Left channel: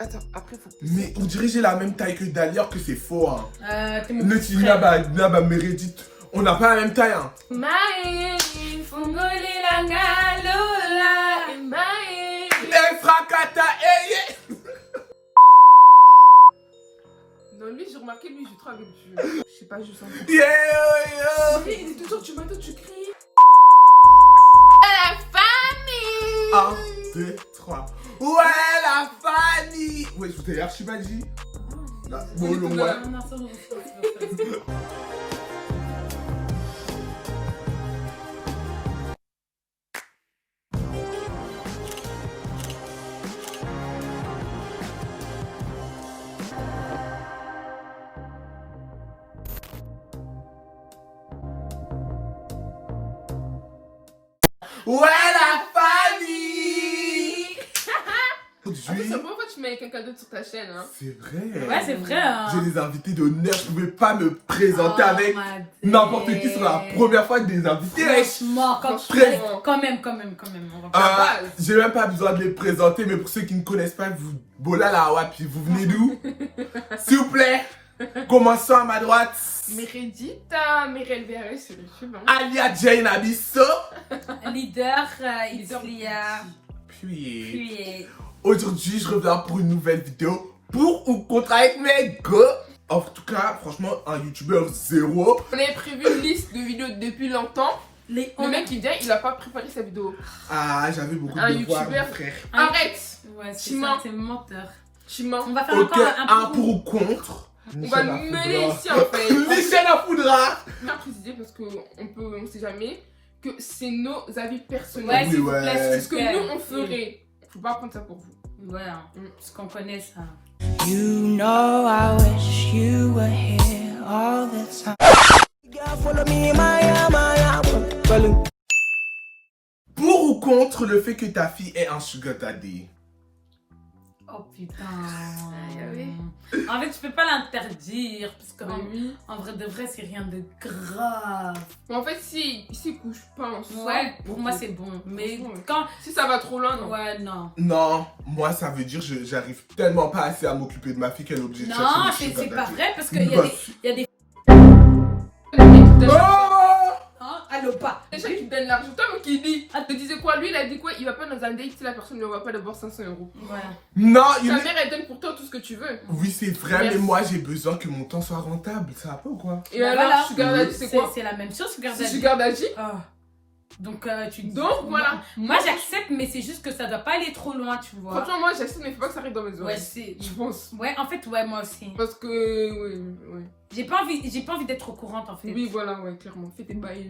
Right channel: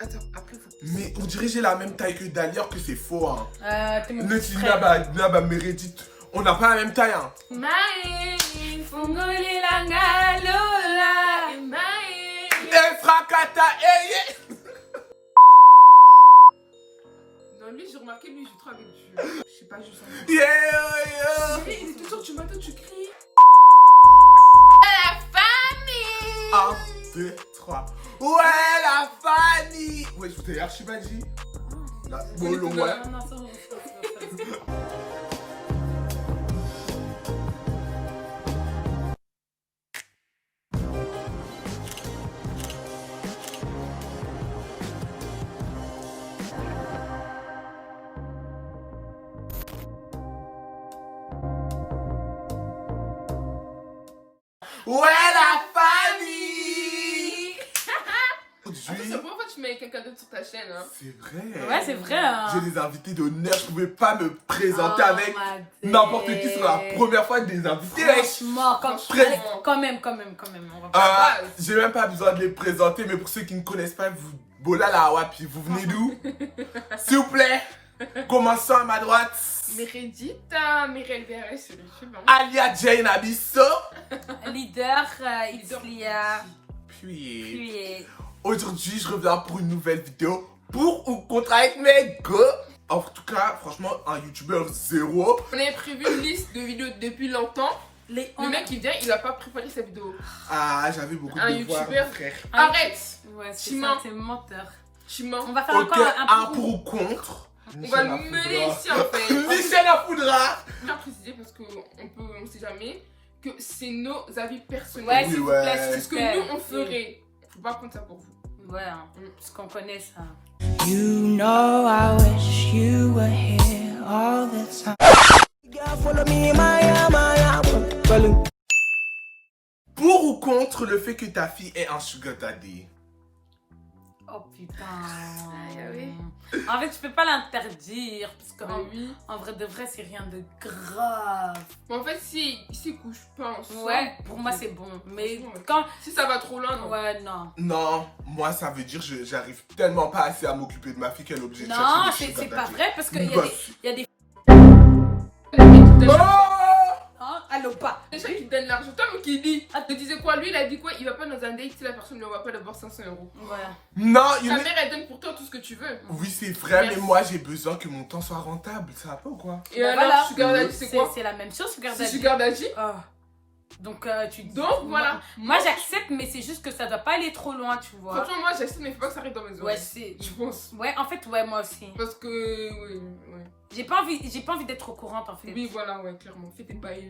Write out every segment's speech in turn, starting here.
Attends, après, faut... Mais on dirait que j'ai la même taille que Dali, alors que c'est faux, hein. Le frère. là-bas, Meredith, on n'a pas la même taille, hein. Fracata, Non, lui, j'ai remarqué, lui, je travaille avec du... Je sais pas, je sens... yeah. Mais il est toujours, tu m'entends, tu cries. La famille. 1, 2, 3. Ouais, la famille. Ouais, je t'ai archimagi. Bon, le ouais. Ouais, la famille. Après, c'est la première fois que tu mets quelqu'un d'autre sur ta chaîne, hein. C'est vrai. Ouais, c'est vrai. Hein. J'ai des invités d'honneur, je pouvais pas me présenter avec n'importe qui sur la première fois des invités. Franchement, quand même. On va Ah, j'ai même pas besoin de les présenter, mais pour ceux qui ne connaissent pas, vous, Bola la Wapi, vous venez d'où? S'il vous plaît, commençons à ma droite. Meredith, Mireille Verret sur YouTube. Hein. Alia Jane Abisso. leader, Islia. Puis, aujourd'hui, je reviens pour une nouvelle vidéo pour ou contre avec mes gars. En tout cas, franchement, un youtubeur zéro. On avait prévu une liste de vidéos depuis longtemps. Le mec il vient, il a pas préparé sa vidéo. Ah, j'avais beaucoup de devoirs, mon frère. Arrête. Ouais, c'est ça, c'est menteur. Tu mens. On va faire Ok, encore un pour ou contre. On va nous mener ici en fait. Michel Afoudra. Je tiens à préciser parce qu'on sait jamais que c'est nos avis personnels. Ouais, Oui, s'il vous ouais. plaît, C'est ce que nous on ferait. Faut pas prendre ça pour vous. Ouais, hein, parce qu'on connaît ça. You know I wish you were here all the time. Follow me, Pour ou contre le fait que ta fille ait un sugar daddy? Oh putain. oui. En fait, je peux pas l'interdire parce que Oui. en vrai de vrai, c'est rien de grave. Mais en fait, si couche pas ensemble. Ouais, pour moi c'est bon. Mais Ouais. quand. Si ça va trop loin, non. Ouais, non. Non, moi ça veut dire que j'arrive tellement pas assez à m'occuper de ma fille qu'elle est obligée de Non, chercher des c'est sugar pas daddy. vrai parce Une qu'il bonne y a des. Oh! Hein? Allô, pas. Les gens qui te donnent l'argent, toi, mais qui dit. Elle te disait quoi? Lui, il a dit quoi? Il va pas dans un date si la personne ne lui envoie pas d'abord 500 euros. Voilà. Non, Ta mère, elle donne pour toi tout ce que tu veux. Oui, c'est vrai, Merci. mais moi j'ai besoin que mon temps soit rentable. Ça va pas ou quoi? Et Bah alors, voilà. Sugar Daddy, c'est quoi? C'est la même chose, Sugar C'est Daddy. Sugar Daddy. Ah. Donc, tu dis. Donc, voilà. Moi, j'accepte, mais c'est juste que ça doit pas aller trop loin, tu vois. Franchement, moi, j'accepte, mais faut pas que ça arrive dans mes Ouais, oreilles. c'est. Je pense. Ouais, en fait, ouais, moi aussi. Parce que, ouais. J'ai pas envie d'être au courant, en fait. Oui, voilà, ouais, clairement. Fais tes bails.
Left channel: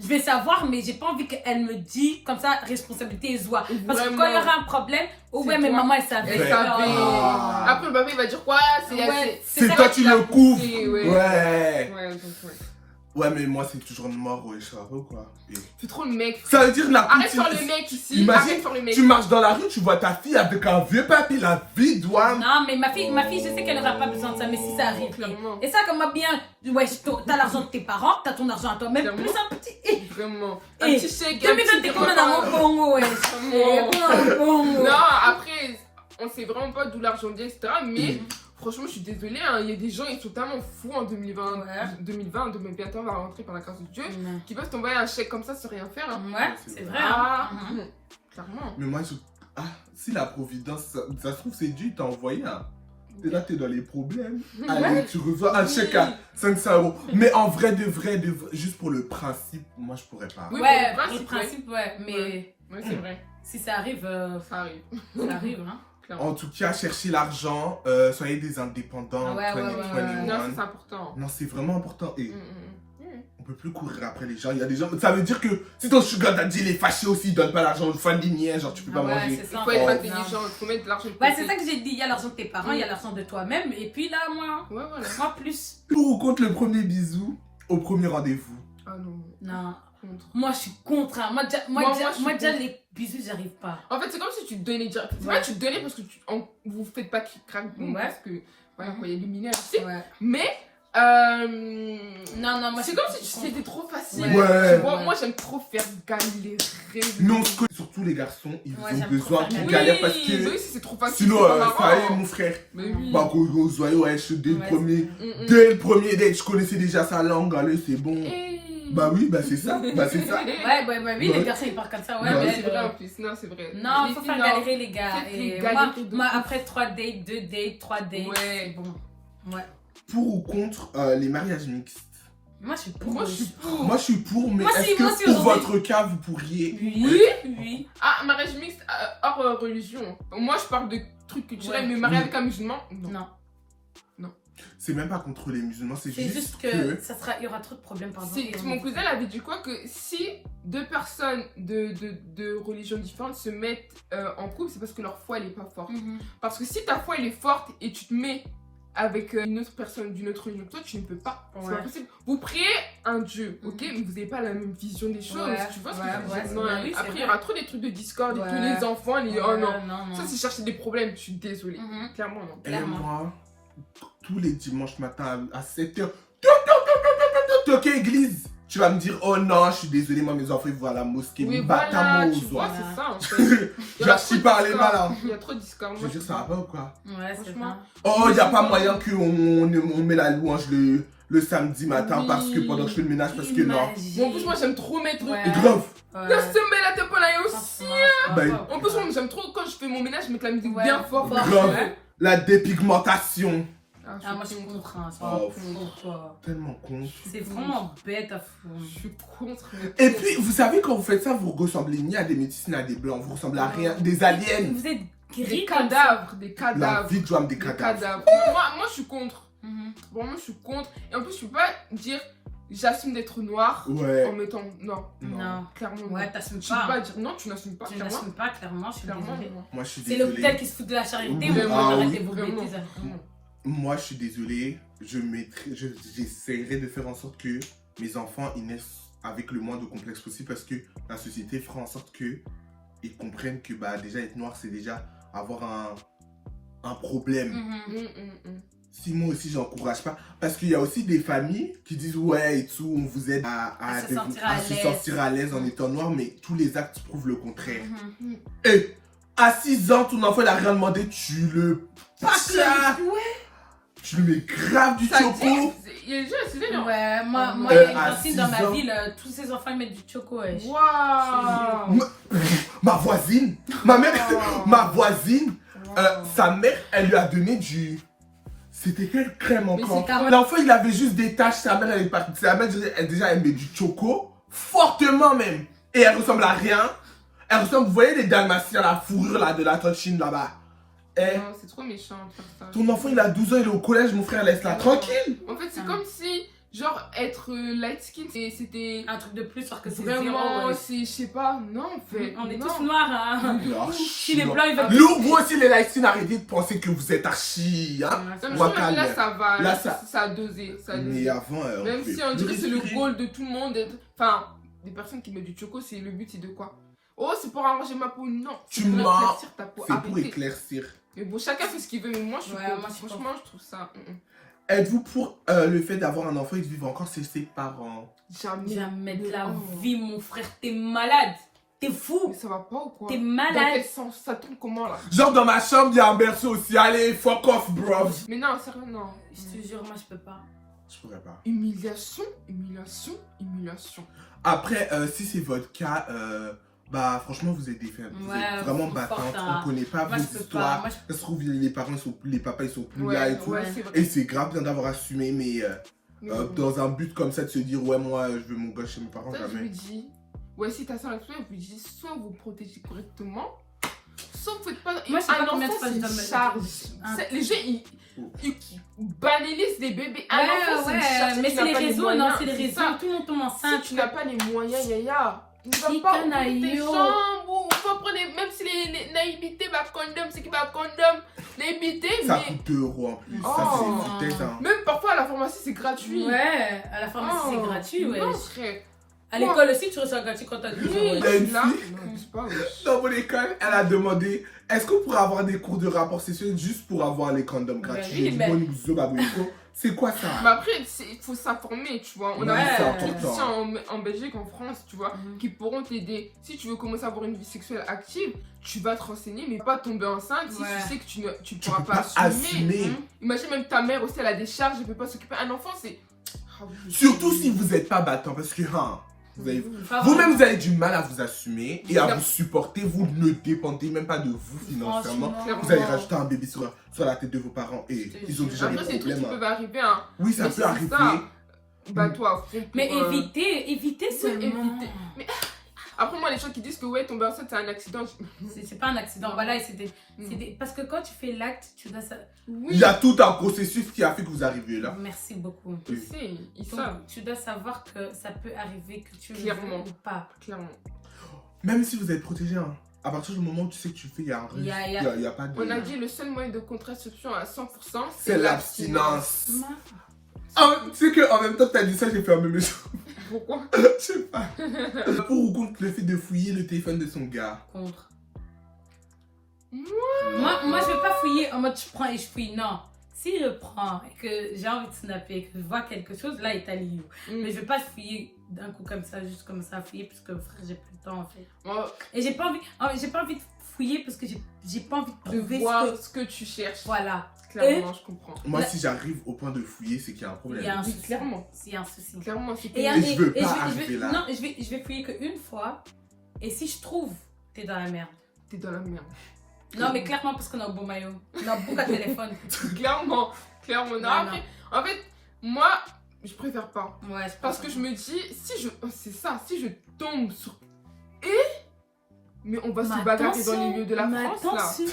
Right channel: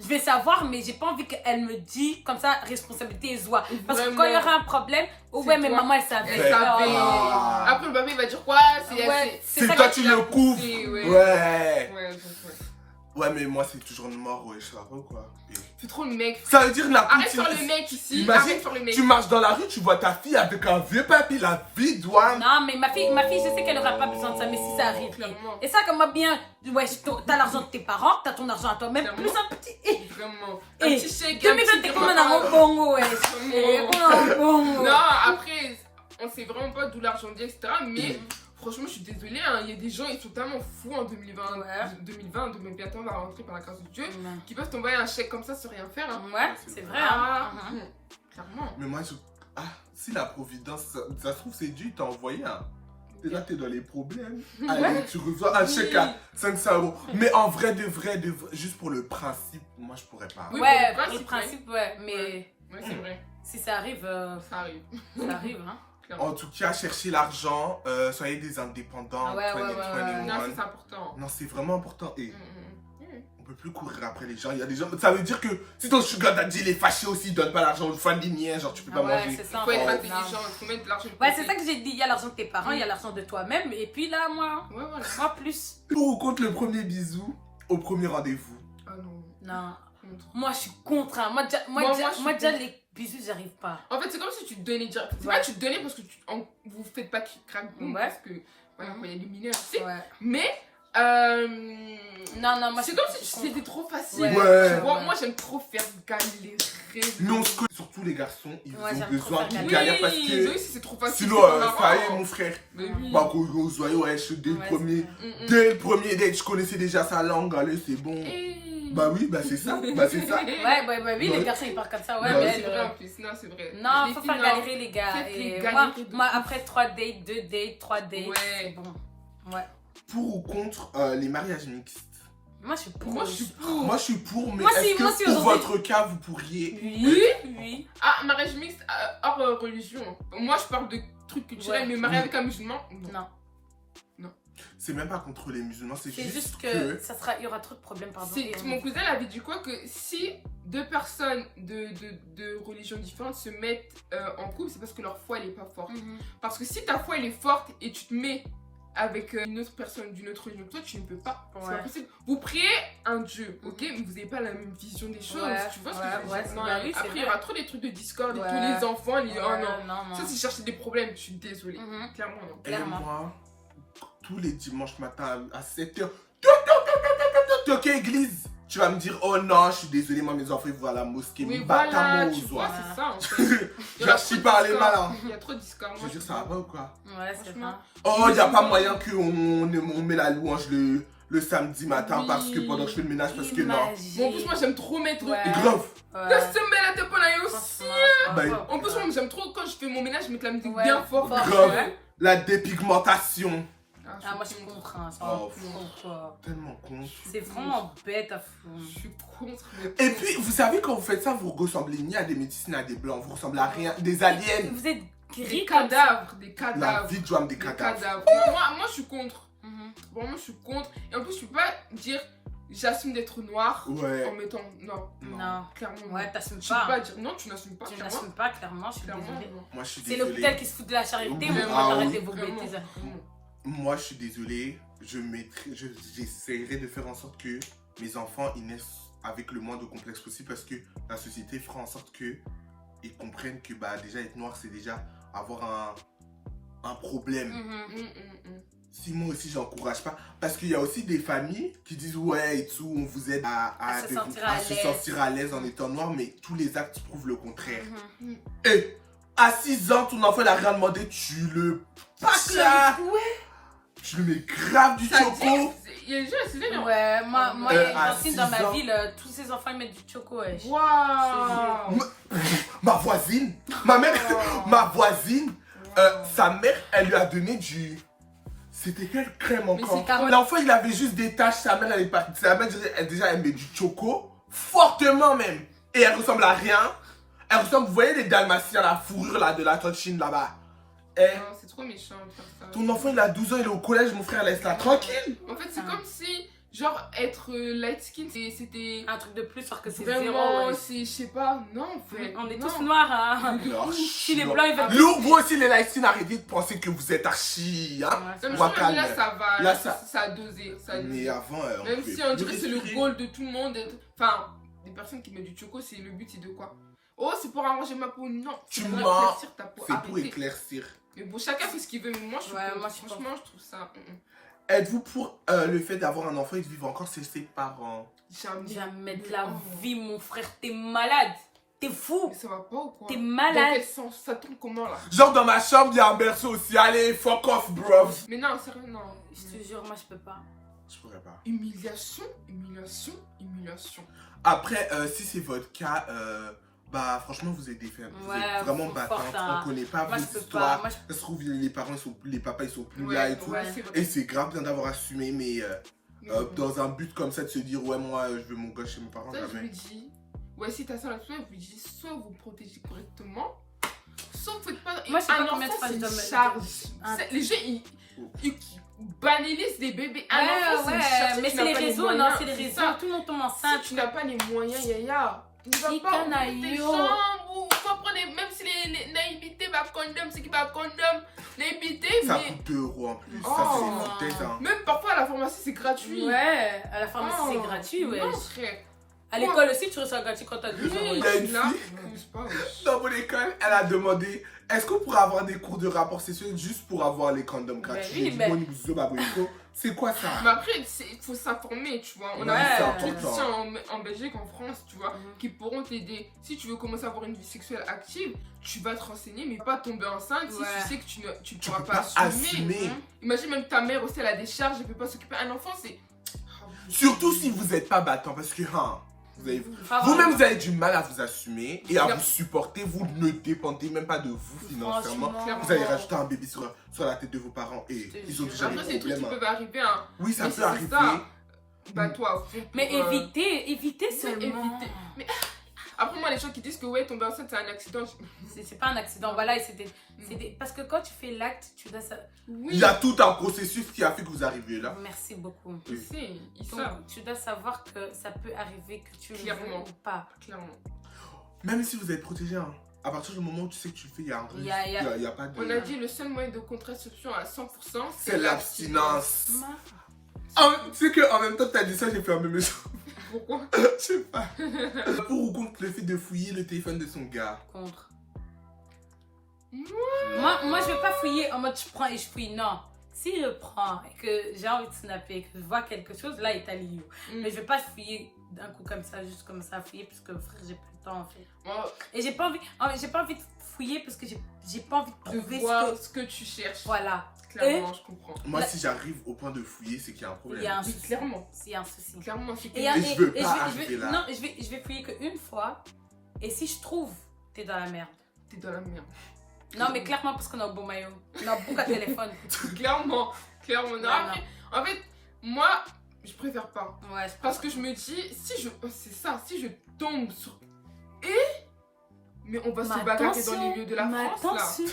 Je vais savoir, mais j'ai pas envie qu'elle me dise comme ça, responsabilité et joie. Parce que Vraiment. quand il y aura un problème, oh ouais, C'est mais toi. maman, elle savait. Elle Ouais. savait. Ah. Après, le bébé, il va dire quoi? Ouais, C'est ça toi que tu tu le l'as couvres. poussé, ouais. Ouais. Ouais, donc, ouais. Ouais, mais moi c'est toujours mort, ouais, ça va pas ou quoi? C'est trop le mec. Ça veut dire la Arrête sur le mec ici. Imagine, Arrête sur le mec. tu marches dans la rue, tu vois ta fille avec un vieux papier, la vie doit. Non, mais ma fille, je sais qu'elle aura pas besoin de ça, mais si ça arrive. Clairement. Et ça, comme moi, bien, ouais, t'as l'argent de tes parents, t'as ton argent à toi, même Clairement. plus un petit. Vraiment. Eh, Un petit chèque. Que un me petit donne comme repas. un bongo, ouais. Vraiment. Non, après, on sait vraiment pas d'où l'argent vient, etc. Mais franchement, je suis désolée, hein, il y a des gens, ils sont tellement fous en 2020, Ouais. 2020, bientôt on va rentrer par la grâce de Dieu, qui peuvent t'envoyer un chèque comme ça sans rien faire. Hein. Ouais, c'est vrai. Ah, hein. Mhm. clairement. Mais moi, si la providence, ça se trouve, c'est Dieu, il t'a envoyé un. Et là, t'es dans les problèmes. Allez, tu reçois un chèque à 500 euros. Mais en vrai, de vrai, juste pour le principe, moi, je pourrais pas. Oui, Ouais, pour le le principe, principe, ouais, mais Oui, c'est vrai. si ça arrive, Ça arrive. ça arrive, hein. Clairement. En tout cas, cherchez l'argent, soyez des indépendants, Ouais, ouais, ouais, ouais. Non, c'est important. Non, c'est vraiment important. Et Mm. on peut plus courir après les gens. Il y a des gens. Ça veut dire que si ton sugar daddy il est fâché aussi, il donne pas l'argent une fois de genre tu peux pas Ouais, manger. c'est Il ça, faut être ouais. intelligent, il faut mettre de l'argent de Ouais, côté. c'est ça que j'ai dit. Il y a l'argent de tes parents, il y a l'argent de toi-même, et puis là, moi, Ouais, voilà. moi plus. Pour ou contre le premier bisou au premier rendez-vous? Ah non. Non. Contre. Moi, je suis contre. Hein. Moi, Moi, déjà, les bisous, j'arrive pas. En fait, c'est comme si tu te donnais direct. C'est vrai que tu te donnais parce que vous faites pas crack Ouais. parce que voilà, quoi, il y a des mineurs aussi. Ouais. Mais Non, moi C'est comme si c'était trop facile. Ouais. Tu vois, moi j'aime trop faire galérer. Mais on se connaît, surtout les garçons, ils Ouais, ont j'aime besoin trop qu'ils faire galèrent parce Oui, que oui, c'est trop facile. sinon, c'est pas ça y est, marrant. mon frère. Mais oui. Bah, quand on se voyait, ouais, dès le Ouais, premier, Mm, mm. dès le premier date, je connaissais déjà sa langue, allez, c'est bon. Hey. Bah oui, bah c'est ça, bah c'est ça. Oui, Ouais. les garçons ils partent comme ça, ouais, Ouais, mais C'est elle, vrai en plus, non, c'est vrai. Non, Les faut filles, pas non. galérer les gars. Faites les Et galérer de moi, fou. après 3 dates, 2 dates, 3 dates, Ouais. c'est bon. Ouais. Pour ou contre les mariages mixtes? Moi je suis pour. Moi je suis pour. Moi je suis pour, mais Moi aussi, est-ce moi que aussi, pour aujourd'hui. votre cas, vous pourriez... Oui. Ah, mariage mixte hors religion. Moi je parle de trucs culturels, Ouais. mais marié avec un musulman, non. Non. C'est même pas contre les musulmans, c'est C'est juste juste que... que il y aura trop de problèmes pardon. Mon cousin avait dit quoi que si deux personnes de religions différentes se mettent en couple, c'est parce que leur foi elle est pas forte. Mhm. Parce que si ta foi elle est forte et tu te mets avec une autre personne d'une autre religion, toi tu ne peux pas. Ouais. C'est impossible. Vous priez un Dieu, ok, mais vous n'avez pas la même vision des choses. Ouais, Tu vois ce ouais, que je veux ouais, dire? c'est Non, bien, oui, c'est après il y vrai. aura trop des trucs de discorde et Ouais. tous les enfants, les oh non. non. Ça c'est chercher des problèmes, je suis désolée. Mhm. Clairement non. Et Clairement. moi, tous les dimanches matin à 7h, ok, église. Tu vas me dire, oh non, je suis désolé, moi mes enfants ils vont à la mosquée, Oui, mais voilà, bâtard-moi tu aux vois, oies. c'est ça en fait. J'assis par les malins. Il y a trop de discord. Je veux dire, ça va pas ou quoi? Ouais, c'est Franchement. ça. Oh, y a pas moyen qu'on met la louange le samedi matin Oui. parce que pendant que je fais le ménage, parce que non. Bon, en plus, moi j'aime trop mettre. Ouais. Et grave. Laisse tomber la tête pour la aussi. Bah, En plus, moi j'aime trop quand je fais mon ménage, je mets la musique Ouais. bien fort. Ouais. grave. La dépigmentation. Ah, moi je suis contre. Hein, c'est Oh, vraiment contre. Tellement con. C'est vraiment bête à fond. Je suis contre. Et puis, vous savez, quand vous faites ça, vous ressemblez ni à des métis ni à des blancs. Vous ressemblez à rien. Des aliens. Vous êtes Des gris cadavres, des La cadavres. vie de Joam des Des cadavres. cadavres. Moi je suis contre. Mhm. Vraiment, je suis contre. Et en plus, je peux pas dire j'assume d'être noir en Ouais. mettant. Non, Non. clairement. non. Ouais, t'assumes Je peux pas pas. dire non, tu n'assumes pas. Tu Clairement. n'assumes pas, clairement, je suis Clairement, désolée. non. Moi, je suis C'est l'hôpital désolé. qui se fout de la charité, Oui. mais Ah on oui. arrêtez vos Vraiment. bêtises. Moi, je suis désolé. J'essaierai de faire en sorte que mes enfants ils naissent avec le moins de complexe possible parce que la société fera en sorte que ils comprennent que bah déjà être noir c'est déjà avoir un problème. Mhm. Si moi aussi j'encourage pas, parce qu'il y a aussi des familles qui disent ouais et tout, on vous aide à se sentir à se l'aise. sentir à l'aise en étant noir, mais tous les actes prouvent le contraire. Mhm. Et à 6 ans, ton enfant il a rien demandé, tu le tu le mets grave du Ça choco. Il y a des gens, c'est des gens. Ouais, moi, il y a une à cantine dans 6 ma ans. ville, tous ces enfants ils mettent du choco. Ouais. Waouh! Ma voisine, ma mère, Wow. ma voisine, Wow. sa mère, elle lui a donné du... C'était quelle crème encore? c'est carotte. L'enfant, il avait juste des taches, sa mère, elle est partie. Sa mère, déjà, elle met du choco, fortement même. Et elle ressemble à rien. Elle ressemble, vous voyez les dalmatiens, la fourrure là, de la tante Chine là-bas. Eh, Non, c'est trop méchant de faire ça. ton enfant, il a 12 ans, il est au collège, mon frère, laisse-la tranquille. En fait, c'est Ah. comme si, genre, être light skin, c'était Un truc de plus, alors que c'est vraiment, zéro, ouais. c'est, je sais pas, non, en fait. On est non. tous noirs, hein. Oh, Si les blancs, ils veulent. Lourd, vous aussi, les Laïcines, arrêtez de penser que vous êtes archi. Hein? Non, mais Moi, je trouve que là, calme. ça va, Là, ça a dosé. Ça a dosé. Mais avant, on Même pouvait si on plus dirait que c'est le respirer. rôle de tout le monde, enfin, des personnes qui mettent du choco, c'est le but, c'est de quoi? Oh, c'est pour arranger ma peau, non. Tu C'est pour mens. éclaircir ta peau, C'est pour arrêtez. éclaircir. Mais bon, chacun fait ce qu'il veut, mais moi, je suis Ouais, contre. moi, je suis Franchement, je trouve ça. Êtes-vous pour le fait d'avoir un enfant et de vivre encore chez ses parents? Jamais. Jamais de la Oh. vie, mon frère, t'es malade. T'es fou. Mais ça va pas ou quoi? T'es Dans malade. quel sens? Ça tombe comment là? Genre dans ma chambre, il y a un berceau aussi. Allez, fuck off, bros. Mais non, sérieux, non. Je te jure, moi, je peux pas. Je pourrais pas. Humiliation, humiliation, humiliation. Après, si c'est votre cas, bah franchement, vous êtes des femmes. Vous Ouais, êtes vraiment faut battantes. force, On hein. connaît pas Moi, vos je peux pas. histoires. Moi, Ça se trouve, les parents, les papas, ils sont plus Ouais, là et tout. ouais, c'est vrai. Et c'est grave bien d'avoir assumé, mais Mais bon. dans un but comme ça de se dire, ouais, moi, je veux mon gosse chez mes parents, Ça, je jamais. lui dis, ouais, si t'as ça là-dessus, je lui dis, soit vous protégez correctement, soit vous faites pas. Moi, je sais un pas combien de enfant, fois c'est je une dois me- charge. Ah. Les gens, ils banalisent les bébés. Un enfant, c'est une charge. mais Tu c'est n'as les pas réseaux, moyens, non, c'est les c'est réseaux. ça. Tout le monde tombe enceinte. Si tu n'as pas les moyens, yaya. Tu ne vas Ni pas qu'un ouvrir tes aïe, jambes ou tu vas prendre, même si les naïvetés, bah, condom, c'est qui va condom, naïveté, Ça mais coûte 2 € en plus. Ça, Oh. c'est une foutaise, hein. même parfois à la pharmacie, c'est gratuit. Ouais, à la pharmacie, Oh, c'est gratuit, ouais. Non, frère. À l'école aussi, tu reçois gratuit quand t'as 12 Oui, ans. Il y a une là, fille. non, c'est pas vrai. Dans mon école, elle a demandé Est-ce qu'on pourrait avoir des cours de rapport sexuel juste pour avoir les condoms gratuits? mais- C'est quoi ça? Mais après, il faut s'informer, tu vois. On Ouais, a c'est beaucoup de important. gens en Belgique, en France, tu vois, Mhm. qui pourront t'aider. Si tu veux commencer à avoir une vie sexuelle active, tu vas te renseigner, mais pas tomber enceinte si Ouais. tu sais que tu ne Tu pourras peux pas pas assumer. Mhm. Imagine même ta mère aussi, elle a des charges, elle ne peut pas s'occuper. Un enfant, c'est. Surtout si vous n'êtes pas battant, parce que vous avez Pas vous-même, vraiment. vous avez du mal à vous assumer et à Bien. vous supporter. Vous ne dépendez même pas de vous financièrement. Franchement. Vous allez rajouter un bébé sur la tête de vos parents et Je te ils ont jure. déjà des Après, c'est des trucs qui problèmes. peuvent arriver, hein. Oui, ça Mais peut c'est arriver. ça. Bah, toi, Mais pour, évitez seulement. éviter. Après, moi, les gens qui disent que ouais, tomber enceinte, c'est un accident. C'est pas un accident, voilà, et parce que quand tu fais l'acte, tu dois ça. Oui, Il y a tout un processus qui a fait que vous arrivez là. Merci beaucoup. je sais, ils Donc, savent, tu dois savoir que ça peut arriver que tu le Clairement. veux ou pas. clairement. Même si vous êtes protégé, hein, à partir du moment où tu sais que tu fais, il y a un risque. Il y a- Il y a pas de. On a dit le seul moyen de contraception à 100%, C'est l'abstinence. Non. Ah, tu sais qu'en même temps que t'as dit ça, j'ai fermé mes yeux. Pourquoi? Je sais pas. Pour ou contre le fait de fouiller le téléphone de son gars? Contre. Moi, Moi, je vais pas fouiller en mode je prends et je fouille. Non. Si je prends et que j'ai envie de snapper, que je vois quelque chose, là, il est à l'IU. Mais je vais pas fouiller d'un coup comme ça, juste comme ça, fouiller, parce que frère, j'ai plus le temps en fait. Et j'ai pas envie de fouiller parce que j'ai pas envie de de prouver voir ce que. ce que tu cherches. Voilà. Clairement, je comprends. Moi, si j'arrive au point de fouiller, c'est qu'il y a un Il problème. y a un Oui, souci. clairement. Il y a un souci. Clairement, c'est Et, Et je veux pas je arriver vais, là. non, je vais fouiller qu'une fois. Et si je trouve, t'es dans la merde. t'es dans la merde. Non, mais clairement, parce qu'on a un beau maillot. On a un beau téléphone. Clairement, clairement. Non, Non, après, en fait, moi, je préfère pas. Ouais, Parce que je me dis, c'est ça, si je tombe sur. Mais on va se bagarrer dans les lieux de la France, là.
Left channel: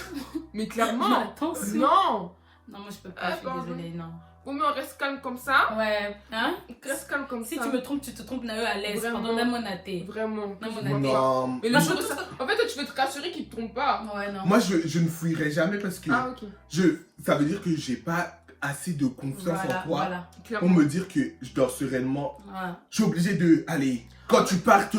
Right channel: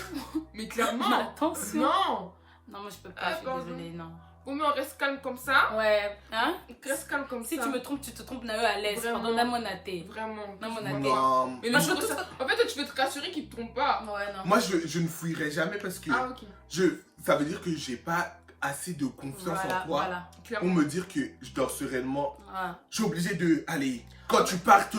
Mais clairement. Attention. Non. Non, moi je peux pas, je suis Attends, désolée, non. Au moins, on reste calme comme ça. Ouais, hein? Reste calme comme Si ça. tu me trompes, tu te trompes, Nayo, à l'aise. Vraiment. Pardon, même mon athée. Vraiment. Non, mon athée. Non. Mais le Moi, jour je- où ça- En fait, toi, tu veux te rassurer qu'il te trompe pas. Ouais, non. Moi, je ne fouillerai jamais parce que Ah, ok. ça veut dire que j'ai pas assez de confiance Voilà, en toi voilà. pour Clairement. me dire que je dors sereinement. Ouais. Je suis obligé de. Allez, quand tu pars te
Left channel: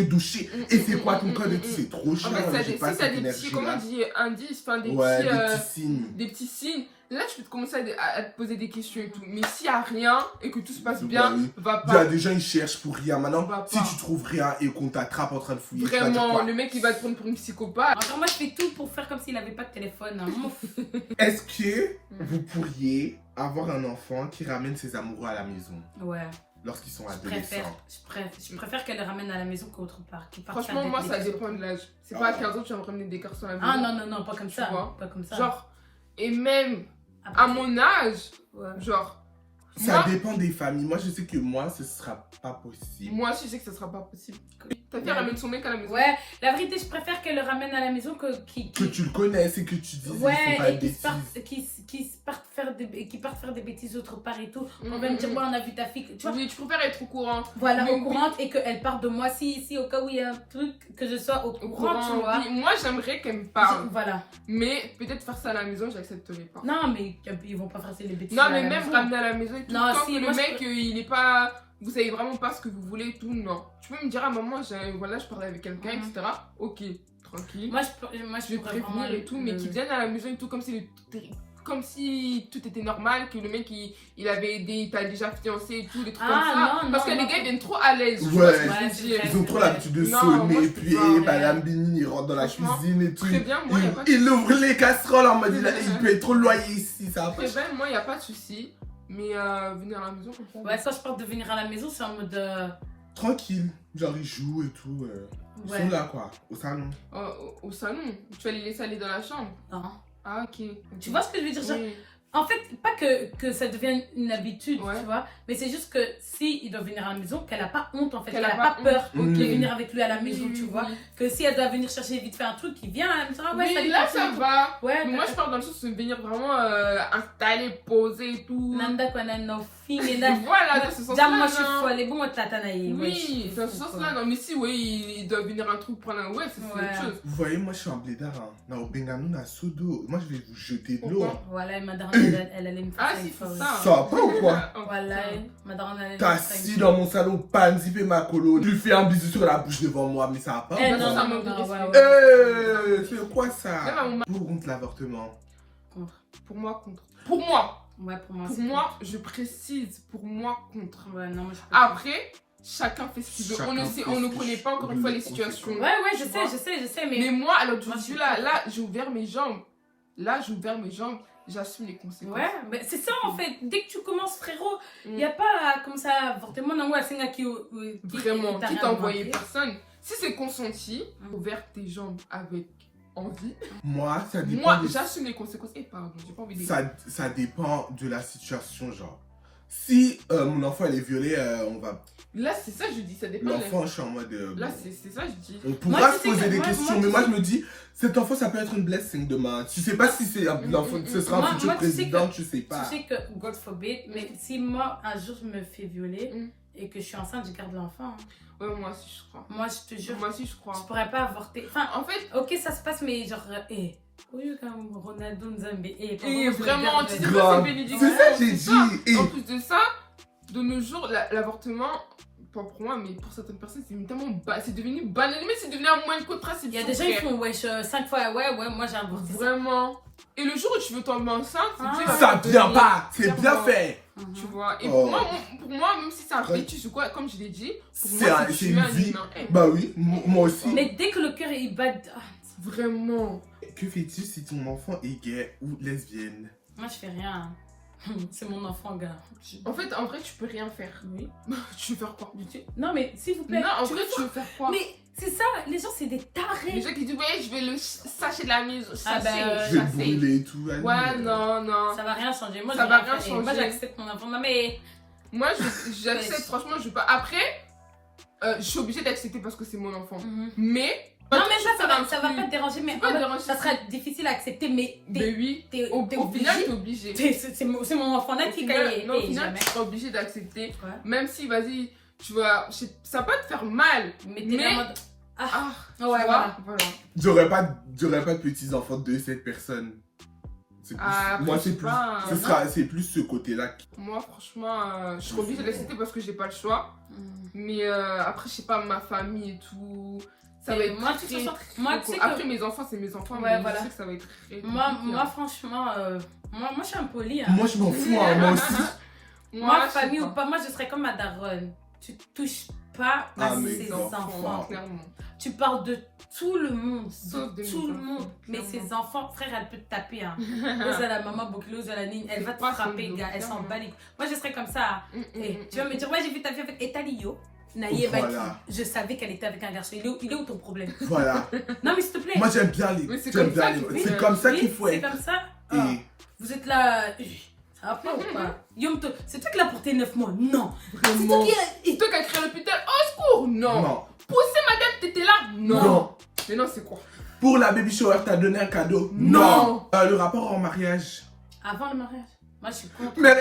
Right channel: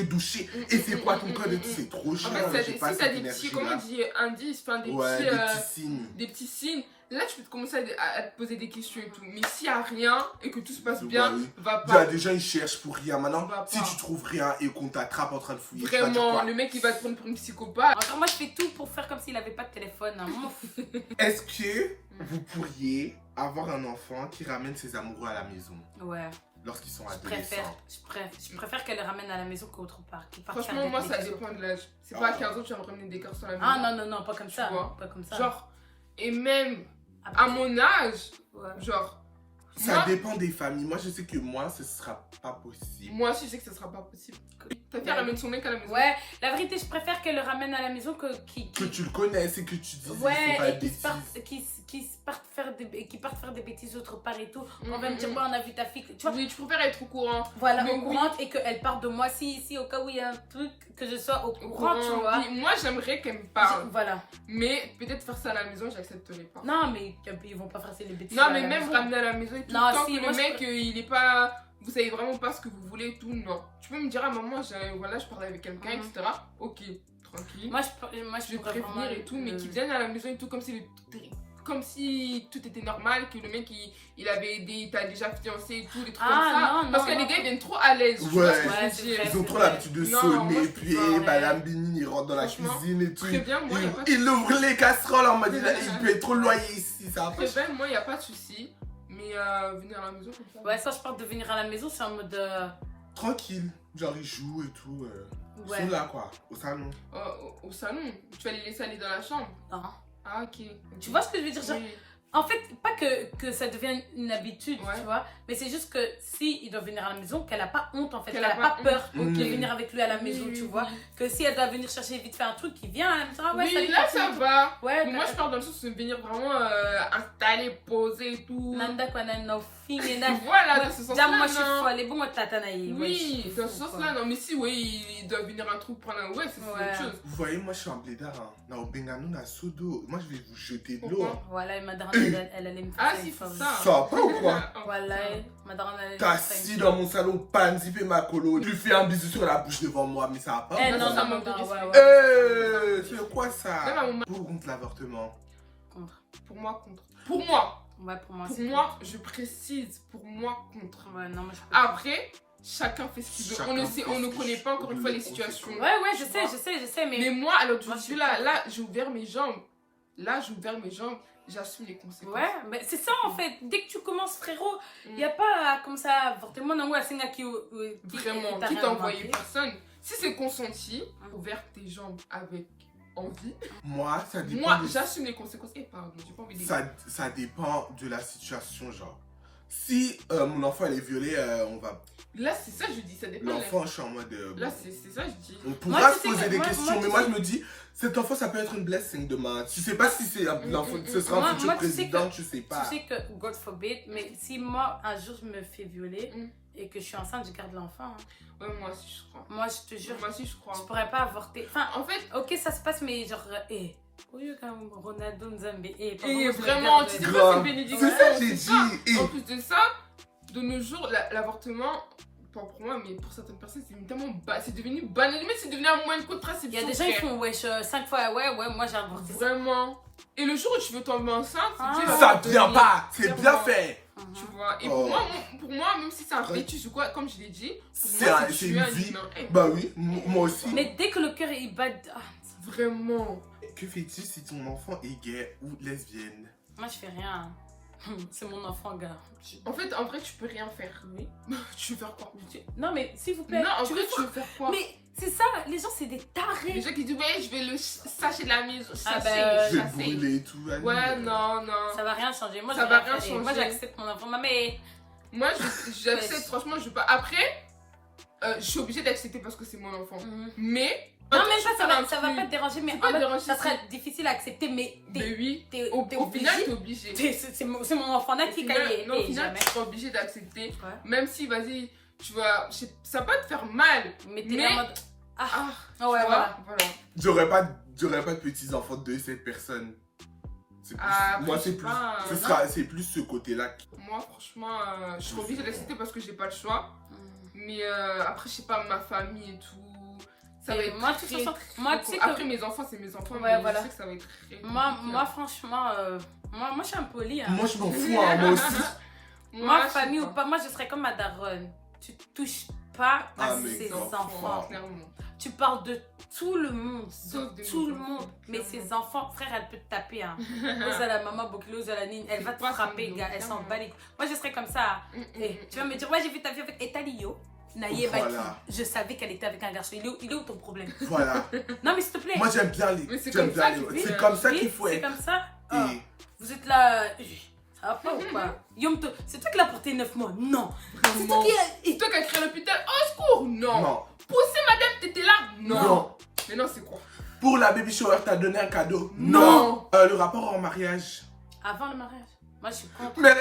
doucher et c'est quoi ton code et tout, c'est trop En chiant. fait, J'ai si pas t'as cette des petits, comment énergie-là. on dit, indices, enfin des Ouais, petits. des petits signes. Des petits signes. Là, tu peux commencer à te poser des questions et tout. Mais s'il n'y a rien et que tout se passe Ouais, bien, oui. va Il y a pas. des gens, ils cherchent pour rien. Maintenant, Va si pas. tu trouves rien et qu'on t'attrape en train de fouiller, tu vas dire Vraiment, quoi? le mec, il va te prendre pour une psychopathe. Encore moi, je fais tout pour faire comme s'il avait pas de téléphone. Hein. Est-ce que vous pourriez avoir un enfant qui ramène ses amoureux à la maison Ouais. lorsqu'ils sont Je préfère, adolescents? je préfère qu'elle les ramène à la maison qu'autre part. qu'ils partent Franchement, faire moi, des ça bêtises dépend autre de part. l'âge. C'est Ah. pas à 15 ans que tu vas ramener des garçons à la Ah maison. non, pas comme Tu ça. vois. Pas comme ça. Genre, et même Après, à mon âge, ouais. genre, Ça moi, dépend des familles. Moi, je sais que moi, ce sera pas possible. moi aussi, je sais que ce sera pas possible. Quelqu'un ramène son mec à la maison. Ouais, la vérité, je préfère qu'elle le ramène à la maison Que tu le connaisses et que tu dises Ouais, qu'ils font pas de et bêtises. qu'ils partent faire des bêtises autre part et tout. On Mhm, va me dire, mhm. ouais, on a vu ta fille. Tu vois, Oui, tu préfères être au courant. voilà, Mais au oui. courant et qu'elle parte de moi. Si au cas où il y a un truc, que je sois au Au courant, tu courant. vois. Oui, moi, j'aimerais qu'elle me parle. Voilà. Mais peut-être faire ça à la maison, j'accepterais pas. Non, mais ils vont pas faire les bêtises. Non, à mais la même maison. ramener à la maison et tout. Non, Tant si, que moi, le je mec, peux- il est pas. Vous savez vraiment pas ce que vous voulez et tout, non. Tu peux me dire à maman, voilà, je parle avec quelqu'un, Mhm. etc. Ok, tranquille. Moi, je Je vais prévenir et tout, mais qu'ils viennent à la maison et tout, comme si tout était normal, que le mec il avait t'as déjà fiancé et tout, des trucs Ah, comme ça. non, Parce non, que non. les gars ils viennent trop à l'aise. tu Ouais. vois ce que je veux Ouais, dire. Ils ont trop l'habitude de Non, moi, sonner, je puis peux pas, Madame Bini, il rentre dans la Franchement, cuisine et tout. Très bien, moi, y a pas de Il ouvre les casseroles en mode il peut être trop loyer ici, ça va pas. Très bien, moi, y a pas de souci. Mais venir à la maison comme ça. Ouais, quand je parle de venir à la maison, c'est en mode. Tranquille, genre ils jouent et tout. Ils Ouais. sont là quoi, au salon. Au salon, tu vas les laisser aller dans la chambre. Non. Ah, ok. Tu vois ce que je veux dire? Genre, Oui. en fait, pas que ça devienne une habitude, Ouais. tu vois, mais c'est juste que si il doit venir à la maison, qu'elle a pas honte en fait, Qu'elle qu'elle a a pas pas peur honte. de Mm. venir avec lui à la maison, Oui, tu oui, vois. oui. Que si elle doit venir chercher vite fait un truc, il vient à la maison, ah ouais, Oui, salut, là Cathy. ça va. Ouais, Mais moi je parle dans le sens de venir vraiment installer, poser et tout. Nanda quoi, no fille, là. Voilà, dans ce sens-là. Moi je suis non. folle, les bons tatanaï. Oui, dans ce sens-là, non. Mais si, oui, il doit venir un truc prendre un ouais, c'est Ouais. autre chose. Vous voyez, moi je suis en blédard. Hein. Na Obengano, na Sodo. Moi je vais vous jeter de l'eau. Pourquoi? Voilà, il m'a Et elle allait me faire Ah, ça si, une fois. c'est oui. ça. Ça va pas ou quoi? Voilà, ma daronne allait me T'as faire ça une assis fois. dans mon salon, pas zipper ma colo, tu fais un bisou sur la bouche devant moi, mais ça va pas. Eh ou non, quoi? ça non, manque de non, respect. ouais. C'est quoi Même ça? à mon Pour ou contre l'avortement? Contre. Pour moi, contre. Pour moi. Ouais, pour moi, Pour c'est moi, je précise. Pour moi, contre. contre. Ouais, non, mais je peux Après, chacun fait ce qu'il veut. Chacun On ne fait sait, on ce ne qu'il connaît pas encore une fois les situations. Ouais, je Tu vois. sais, Mais mais. moi, alors Moi, je suis là, pas- là, j'ai ouvert mes jambes. Là, j'ai ouvert mes jambes. J'assume les conséquences. Ouais, mais c'est ça en fait. Dès que tu commences, frérot, il Mm. n'y a pas comme ça, avortement, non, ouais, c'est un qui. Vraiment, qui t'a envoyé pas. personne. Si c'est consenti, Mm. ouvert tes jambes avec envie. Moi, ça dépend. Moi, des- j'assume les conséquences. Et pardon, j'ai pas envie de ça dépend de la situation, genre. Si mon enfant il est violé, on va. Là, c'est ça, je dis. Ça dépend. L'enfant, je suis en mode. Là, bon. c'est ça, je dis. On pourra Moi, se tu sais poser que- des moi, questions, tu mais moi sais- je me dis, cet enfant ça peut être une blessing demain. Tu sais pas si c'est l'enfant, ce sera un Moi, futur moi, tu sais président, que- tu sais pas. Tu sais que, God forbid, mais si moi, un jour, je me fais violer Mm. et que je suis enceinte, je garde l'enfant. hein. Ouais, moi aussi, je crois. Moi, je te jure, Moi aussi, je crois. je pourrais pas avorter. Enfin, En fait, ok, ça se passe, mais genre, oui, comme Ronaldo Nzambe. et vraiment, tu sais pas, Grave. c'est bénédiction. C'est ça que j'ai c'est ça. dit. Et En plus de ça, de nos jours, l'avortement, pas pour moi, mais pour certaines personnes, c'est tellement c'est devenu banal. Mais c'est devenu un moyen de contraception. Il y a des gens qui font wesh 5 fois, ouais, moi j'ai avorté. Vraiment. Et le jour où tu veux tomber enceinte, Ah. Dieu va ça te vient donner. pas, c'est bien Clairement. fait. Tu vois. Et Oh. pour moi, même si c'est un fœtus ou quoi, comme je l'ai dit, pour C'est moi, un- c'est c'est tuer une un vie. humain. Eh, Bah oui, moi aussi. Mais dès que le cœur il bat, Vraiment. Que fais-tu si ton enfant est gay ou lesbienne? moi je fais rien. C'est mon enfant, gars. En fait, en vrai, tu peux rien faire. Oui. Tu veux faire quoi? Non, mais s'il vous plaît. Non, en tu vrai, veux tu veux faire quoi? Mais c'est ça, les gens c'est des Les tarés. gens qui disent, ouais, je vais le sachet de la maison. Ah bah, Je vais le sachet. brûler et tout. vas-y. Ouais, non, non. Ça va rien changer. Moi, Ça je va vais rien faire. Et Moi changer. j'accepte mon enfant. Mais Moi, j'accepte, franchement, je veux pas. Après, je suis obligée d'accepter parce que c'est mon enfant. Mais. non, mais ça va truc. pas te déranger. Mais C'est pas en fait, déranger, ça serait difficile à accepter. Mais Mais oui, t'es au final, obligé. t'es obligé. C'est mon enfant là Au qui final, gagne. non, au final, jamais. tu seras obligé d'accepter. Ouais. Même si, vas-y, tu vas. Ça va pas te faire mal. Mais t'es Mais- en mode. Ah, Ah, tu ouais, vois, voilà. voilà. J'aurais pas de petits-enfants de cette personne. C'est plus- Ah, moi, après, c'est je plus, sais pas, c'est plus ce côté-là. Moi, franchement, je suis obligée d'accepter parce que j'ai pas le choix. Mais après, je sais pas, ma famille et tout. Ça va Et être moi, très, de toute façon, très moi, cool. tu sais Après, que- mes enfants, c'est mes enfants. Ouais, mais voilà. je sais que ça va être très Moi, compliqué, moi hein. franchement, moi, je suis un poli. Hein. Moi, je m'en fous, hein, moi aussi. Moi, je sais famille pas. ou pas, moi, je serais comme ma daronne. Tu touches pas à Ah, mais ses non, enfants. Clairement. Tu parles de tout le monde. Sauf De de tout mes le enfants, monde. Mais clairement. ses enfants, frère, elle peut te taper. Hein. Ose à la maman, Bokilo, ose à la Nine. Elle va te Pas frapper, son gars. Elle s'en clairement. bat les couilles. Moi, je serais comme ça. Et tu vas me dire, ouais, j'ai vu ta fille avec Etalio. Naïe, Voilà. je savais qu'elle était avec un garçon. Il est où ton problème? Voilà. Non, mais s'il te plaît. Moi, j'aime bien les. Mais c'est j'aime comme bien ça les- qu'il faut C'est faire. comme ça Oui, qu'il faut c'est être. comme ça. Ah, Et vous êtes là. Ça va pas ou pas? Yom, c'est toi qui l'as porté 9 mois? Non. C'est Vraiment. toi qui Et toi qui as créé l'hôpital, au secours, non. non. Pousser madame, t'étais là, non. Non. Mais non, c'est quoi? Pour la baby shower, t'as donné un cadeau? Non. Le rapport en mariage. Avant le mariage. Moi, je suis contre. Mais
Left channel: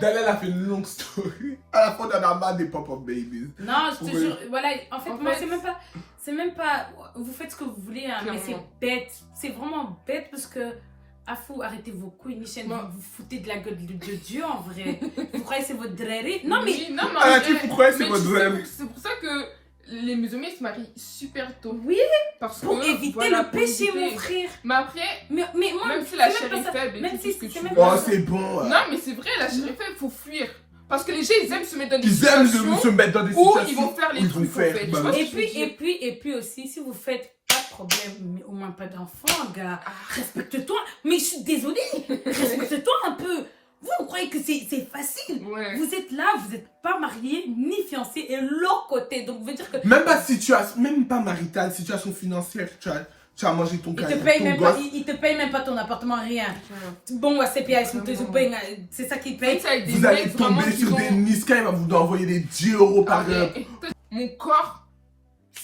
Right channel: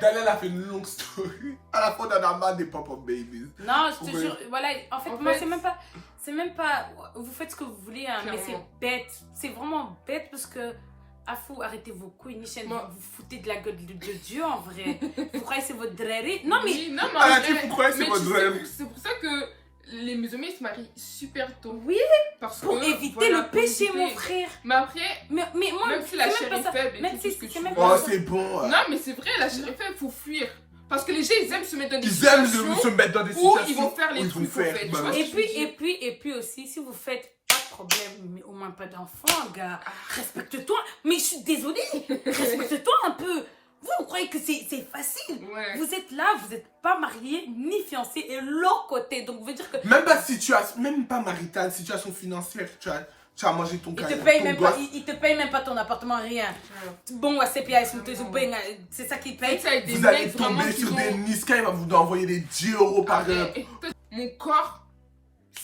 Daniel a fait une longue story. À la fin, on en a marre des pop-up babies. Non, je te Oui. jure. Voilà, en fait, En moi, fait- c'est même pas. Vous faites ce que vous voulez, hein, mais c'est Clairement. bête. C'est vraiment bête parce que. Ah, fou, arrêtez vos couilles, Michel. Moi- Vous vous foutez de la gueule de Dieu en vrai. Vous croyez que c'est votre dréré? Non, mais. Oui, non, mais Ah, en tu vrai, pourquoi c'est mais votre tu sais, rêve? c'est pour ça que les musulmans ils se marient super tôt. Oui, Parce pour que, éviter voilà, le pour péché, éviter. mon frère. Mais après, Mais moi, même si la c'est chair même est pas ça. faible et Même tout si ce que c'est tu même veux. Oh, pas- c'est bon. Non, mais c'est vrai, la chair est faible, il faut fuir. Parce que les gens ils aiment se mettre dans des Ils aiment situations se mettre dans des où situations ils vont faire les où ils trucs vont faire. faits, tu bah vois. oui. Et puis aussi, si vous faites pas de problème, mais au moins pas d'enfant, gars, Ah, respecte-toi. Mais je suis désolée, respecte-toi un peu. Vous croyez que c'est facile? ouais. Vous êtes là, vous n'êtes pas marié ni fiancé et l'autre côté. Donc, vous veut dire que. Même pas situation, même pas maritale, situation financière. Tu as mangé ton Il te, cahier, paye ton même pas, gosse. il te paye même pas ton appartement, rien. Ouais. Bon, ouais, c'est payé, Vraiment. c'est ça qui Mais paye. ça, avec des Vous allez mecs vraiment tomber qui sur ont- des Niska, il va vous envoyer des 10 euros par Ah, heure. et mon corps,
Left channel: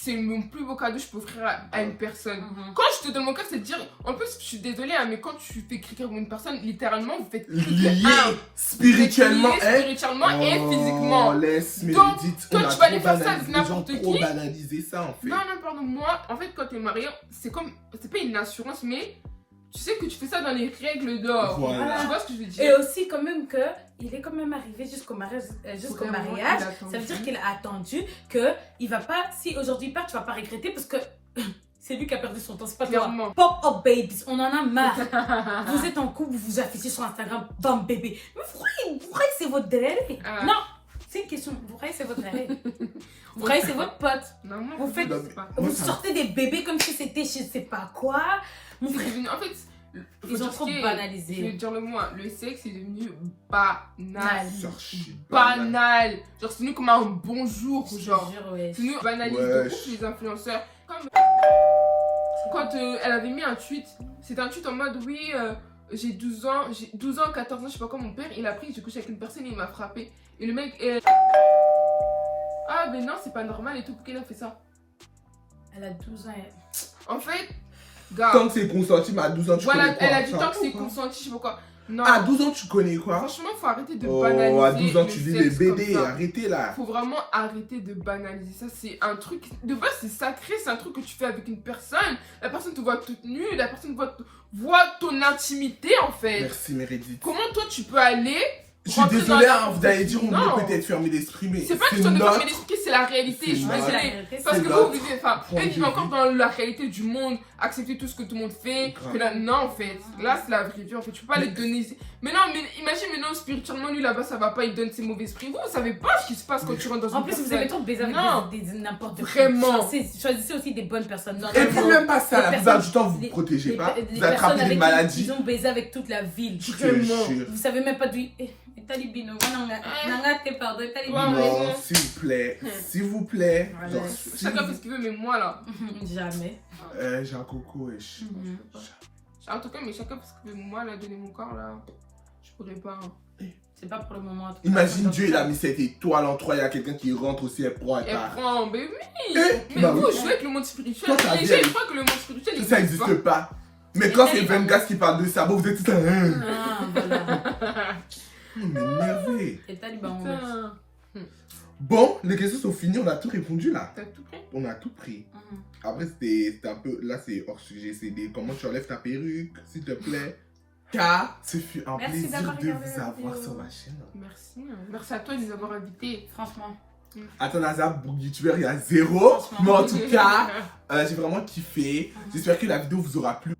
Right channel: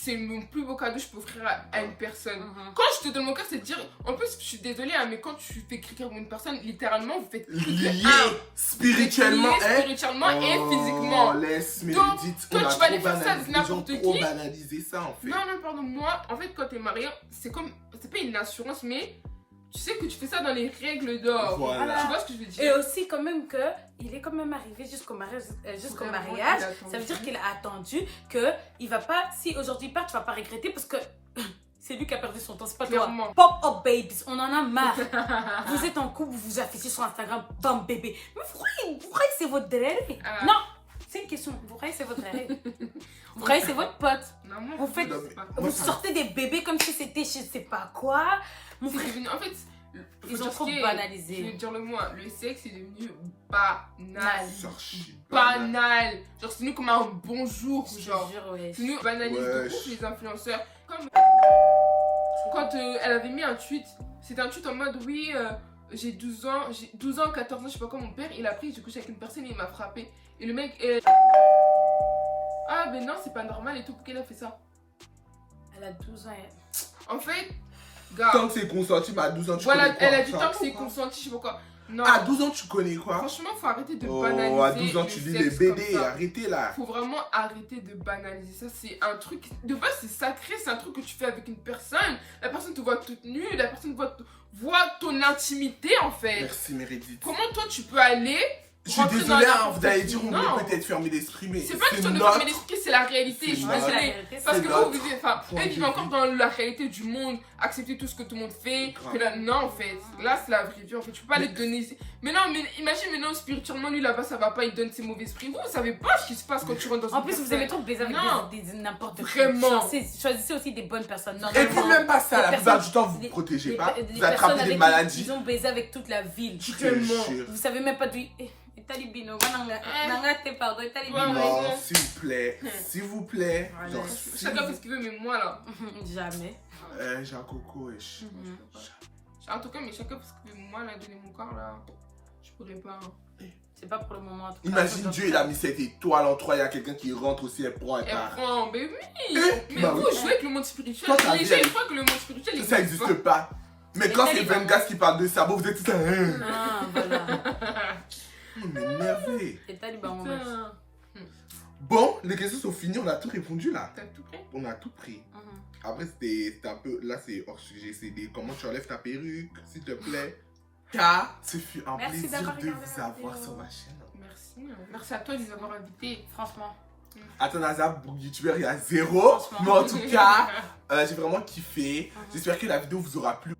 c'est mon plus beau cadeau que je peux offrir à une personne. Quand je te donne mon cœur, c'est de dire. En plus, je suis désolée, hein, mais quand tu fais crier comme une personne, littéralement, vous faites Lié un. spirituellement, Lié hein. spirituellement et Oh, physiquement. laisse mes Donc, dites, toi, on a tu vas aller trop faire ça banalisé, avec les gens n'importe trop qui. banalisé ça en fait. Non, non, pardon, moi, en fait, quand t'es marié, c'est comme. C'est pas une assurance, mais tu sais que tu fais ça dans les règles d'or. Voilà. Tu vois ce que je veux Et dire? aussi quand même que il est quand même arrivé jusqu'au mariage, Vraiment, il mariage. a attendu. Ça veut dire qu'il a attendu que il va pas, si aujourd'hui il part, tu vas pas regretter parce que c'est lui qui a perdu son temps, c'est pas Clairement. toi. Pop up babies, on en a marre. Vous êtes en couple, vous vous affichez sur Instagram, bam bébé. Mais vous croyez que c'est votre délai? Ah. Non, c'est une question. Vous croyez que c'est votre délai? Vous croyez que c'est votre pote? Non, moi, Vous je faites- sais pas. Vous sortez des bébés comme si c'était je sais pas quoi. Mon C'est frère, devenu. En fait, faut ils ont dire trop ce qui est- banalisé. Je vais dire le mot, hein, le sexe est devenu banal. C'est archi Banal. Genre, c'est devenu comme un bonjour, je te genre. jure, ouais. C'est devenu banalise de Ouais. ouf les influenceurs. Comme quand elle avait mis un tweet, c'était un tweet en mode oui, j'ai 12 ans, 14 ans, je sais pas quoi, mon père, il a pris, j'ai couché avec une personne et il m'a frappé. Et le mec, ah, mais non, c'est pas normal et tout, pourquoi il a fait ça? Elle a 12 ans. En fait, gars, Tant que c'est consenti, mais à 12 ans, tu voilà, connais quoi? elle a dit Ça tant que c'est va. consenti, je sais pas quoi. Non, À 12 ans, tu connais quoi? franchement, faut arrêter de Oh, banaliser. à 12 ans, le tu vis les sexe BD, comme ça. arrêtez là. Faut vraiment arrêter de banaliser ça. C'est un truc, de base, c'est sacré, c'est un truc que tu fais avec une personne. La personne te voit toute nue, la personne voit ton intimité en fait. Merci, Meredith. Comment toi tu peux aller Je suis rentrer désolé, dans la hein, vous allez dire, on Non. est peut-être fermé d'esprit, mais C'est pas une question de notre- fermer l'esprit, c'est la réalité, c'est je suis notre- désolée. C'est Parce que notre vous vivez, enfin, point eux de vivent encore vue. dans la réalité du monde, accepter tout ce que tout le monde fait. Grave. Que là, non, en fait, là c'est la vraie vie, en fait, tu peux pas les donner. Mais non, mais imagine maintenant spirituellement, lui là-bas ça va pas, il donne ses mauvais esprits. Vous savez pas ce qui se passe quand tu rentres dans En une plus, vous personne. avez trop baisé Non. avec des n'importe qui. Vraiment. Choisissez aussi des bonnes personnes. Non, Et vraiment. puis même pas ça, Les la plupart personnes- du temps, vous les- vous protégez les- pas, les vous personnes attrapez avec des qui maladies. Ils ont baisé avec toute la ville. Je te Vraiment. jure. Vous savez même pas d'où. Talibino, pardon, Ouais, Non, ouais. s'il vous plaît, s'il vous plaît. Voilà. Genre, Chacun fait ce qu'il veut, mais moi là. Jamais. J'ai un coco, wesh. En tout cas, mais chacun fait ce qu'il veut. Moi là, donner mon corps là, je pourrais pas. Hein. C'est pas pour le moment. en tout cas. Imagine Dieu, il a mis cette étoile en trois, il y a quelqu'un qui rentre aussi, elle prend, elle Et part. prend, mais oui. Mais Bah vous oui. jouez avec le monde spirituel. Toi, ta Les vie, gens, elle- ils croient que le monde spirituel Ça existe n'existe pas. Mais quand c'est Vengas qui parle de ça, bon, vous êtes tout là. Ah, voilà. Vous m'énervez. C'est Taliban, mon mec. Putain. Bon, les questions sont finies, on a tout répondu là. T'as tout pris? On a tout pris. Mhm. Après, c'était un peu. Là, c'est hors sujet. C'est des. Comment tu enlèves ta perruque, s'il te plaît. Car ce fut un Merci plaisir d'avoir de regardé vous la avoir vidéo. sur ma chaîne. Merci. Merci à toi de nous avoir invités. Franchement. Attends, Nazar, youtubeur, il y a zéro. Franchement. Mais en tout cas, j'ai vraiment kiffé. J'espère que la vidéo vous aura plu.